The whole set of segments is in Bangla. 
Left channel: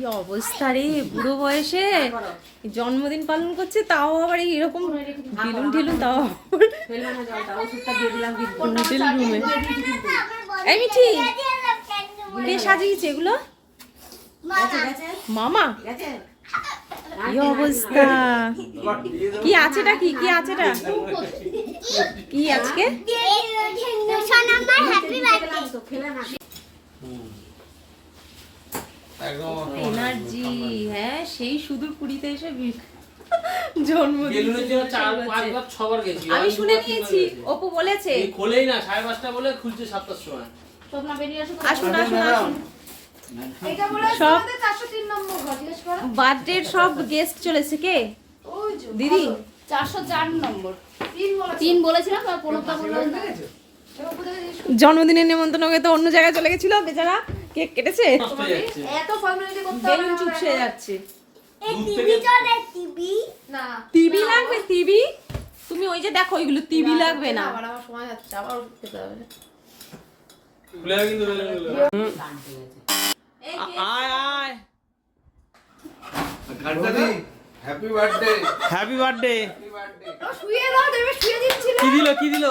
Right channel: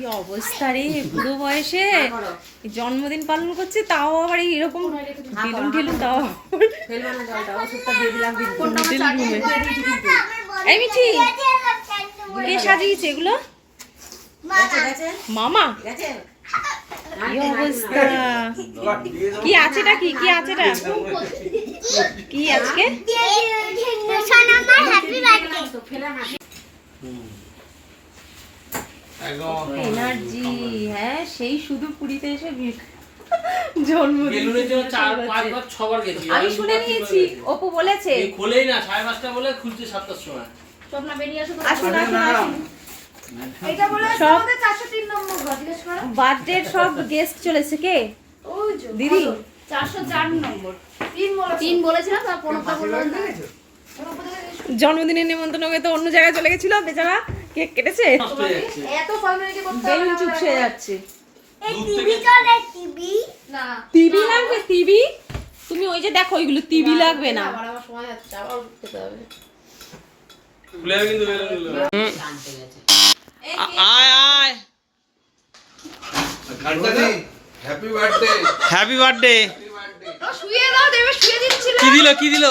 কি অবস্থা রে, বুড়ো বয়সে জন্মদিন পালন করছে, তাও আবার এরকম ঢিলুন ঢিলুন, তাও হোটেল রুমে। এই মিঠি, কে সাজিয়েছে এগুলো? মামা? কি অবস্থা, কি আছেটা, কি কি আছেটা, কি আজকে? এনার্জি, হ্যাঁ সেই সুদূর পুরীতে এসে জন্মদিন। আমি শুনে নিয়েছি, অপু বলেছে খোলেই না, 5:30 বলে খুলছে 7টার সময়। আসুন আসুন আসুন, সব বার্থডে সব গেস্ট চলেছে। কে? দিদি 404 নম্বর 3 বলেছিলাম, তার 15টা বললাম না। জন্মদিনের নেমন্তন্ন হয়ে তো অন্য জায়গায় চলে গেছিল বেচারা, কেক কেটেছে, এত ফর্মালিটি করতে বেলুন চুপসে যাচ্ছে। এই টিভি চলে, টিভি না, টিভি লাগবে, টিভি? তুমি ওই যে দেখো ওইগুলো, টিভি লাগবে না। আবার আমার সময় যাচ্ছে, আবার খেতে হবে। খুলে কিন্তু বেলুনগুলো আয় আয়। Happy birthday, happy birthday. ও শুয়ে দাও, দেবে শুয়ে দিচ্ছিল। কি দিল, কি দিল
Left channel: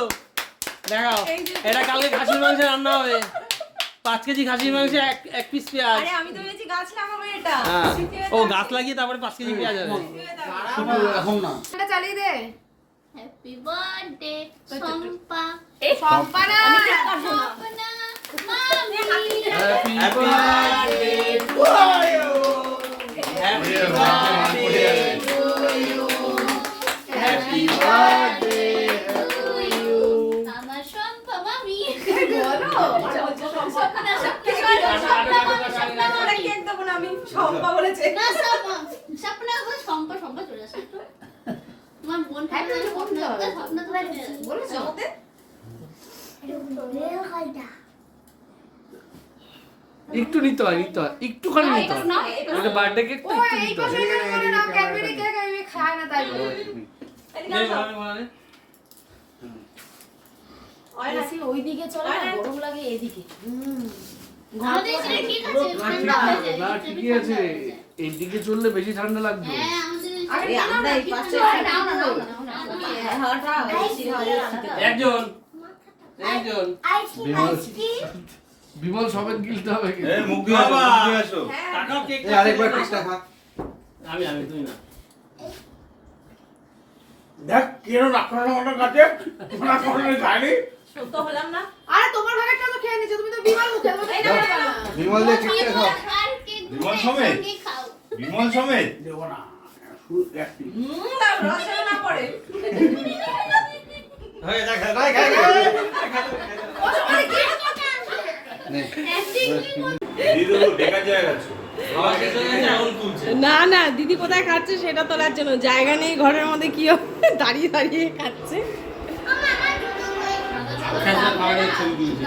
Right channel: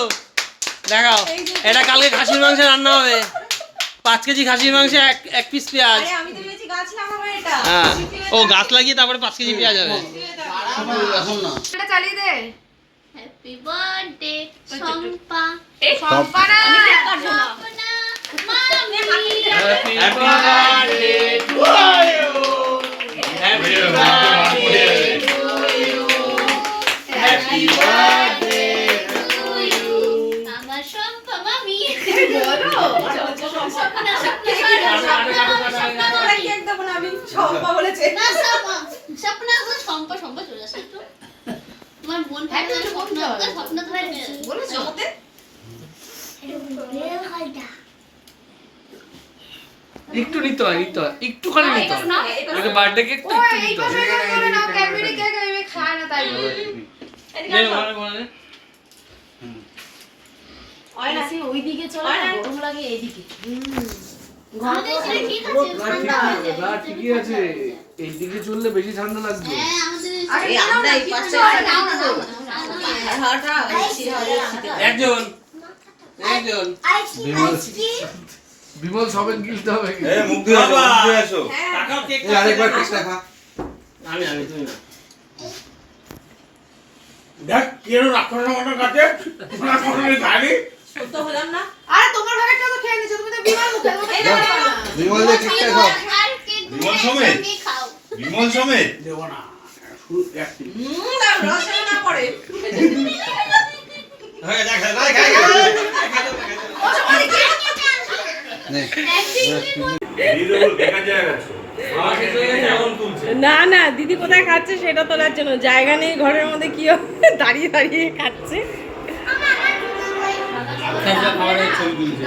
দেখাও। এটা কালকে খাসির মাংস রান্না হবে, 5 কেজি খাসির মাংস, 1 পিস পেঁয়াজ। আরে আমি তো ভেবেছি গাছ লাগাবো এটা। হ্যাঁ, ও গাছ লাগিয়ে তারপরে 5 কেজি পেঁয়াজ হবে। এখন না এটা চালিয়ে দে। Happy birthday Shampa. এই সম্পা না, আমি কেক কাটবো না। মামি happy birthday to you, happy birthday to you, happy birthday to you. আমার শম্পা মামি। বলো স্বপ্না স্বপ্না মামি। কেক দেবো না আমি, শম্পা বলেছে। না স্বপ্না গো, শম্পা শম্পা চলে আসে তো। তোমার বোন হ্যাঁ, থাকে তুমি বলতে হবে। স্বপ্না তো বলেছো জগতে একটু নিতে হয়, নিতে হয়, একটুখানি নিতে হয়। এটা বার্থডে কেক তো, ও একটু এই নিতে পাশে হয়। করে নাও, ক্যাডবেরি কেক আমি খাই না তাই বলে। নে বলে বলে। বেশি ওইদিকে চলে না, গরম লাগে এইদিকে। আমাদের এখানে ঠিক আছে, ঠান্ডা হয়ে যায়। না ঠিকই আছে, এইদিকে চললে বেশি ঠান্ডা লাগবে। হ্যাঁ, আমাদের আরে আমরা এই পাশে নাও না, নাও না, একজন একজন বিমল সবে গিলতে হবে। মুখ দিয়ে আসো, মুখ দিয়ে আসো। টাকাও কেক এই আরেকবার কেকটা খা। আমি আমি তুমি না। দেখ কেন রাক্ষসের মতো কাটে, না কোনো গাড়ি। তো হলাম না। আরে তোমার ভাগেরটা তো খেয়ে নিছো, তুমি তো বিমাল মুখে, তুমি তো খেতে পারো না। বিমল দিয়ে কেকটা খা। আর কেক বিমল সমেত? খাও। বিমল সমেত দেবো না, শুধু এক পিস। রসে না পড়ে। হয়ে দেখ ভাই নে বেকার জায়গা আছে। আমার কাছে এমন তুলছে। না না, দিদি কোথায় খাচ্ছে সেটা তোলার জন্য জায়গা নেই ঘরের মধ্যে, কি হবে, দাঁড়িয়ে দাঁড়িয়ে খাচ্ছে। খেজা খাবারের ছবি তুলছে।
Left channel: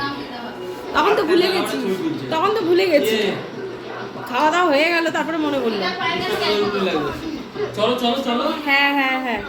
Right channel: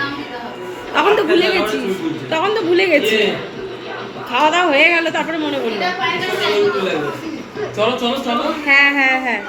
তখন তো ভুলে গেছি, তখন তো ভুলে গেছি, খাওয়া দাওয়া হয়ে গেল তারপরে মনে পড়লো। চলো চলো চলো। হ্যাঁ হ্যাঁ হ্যাঁ।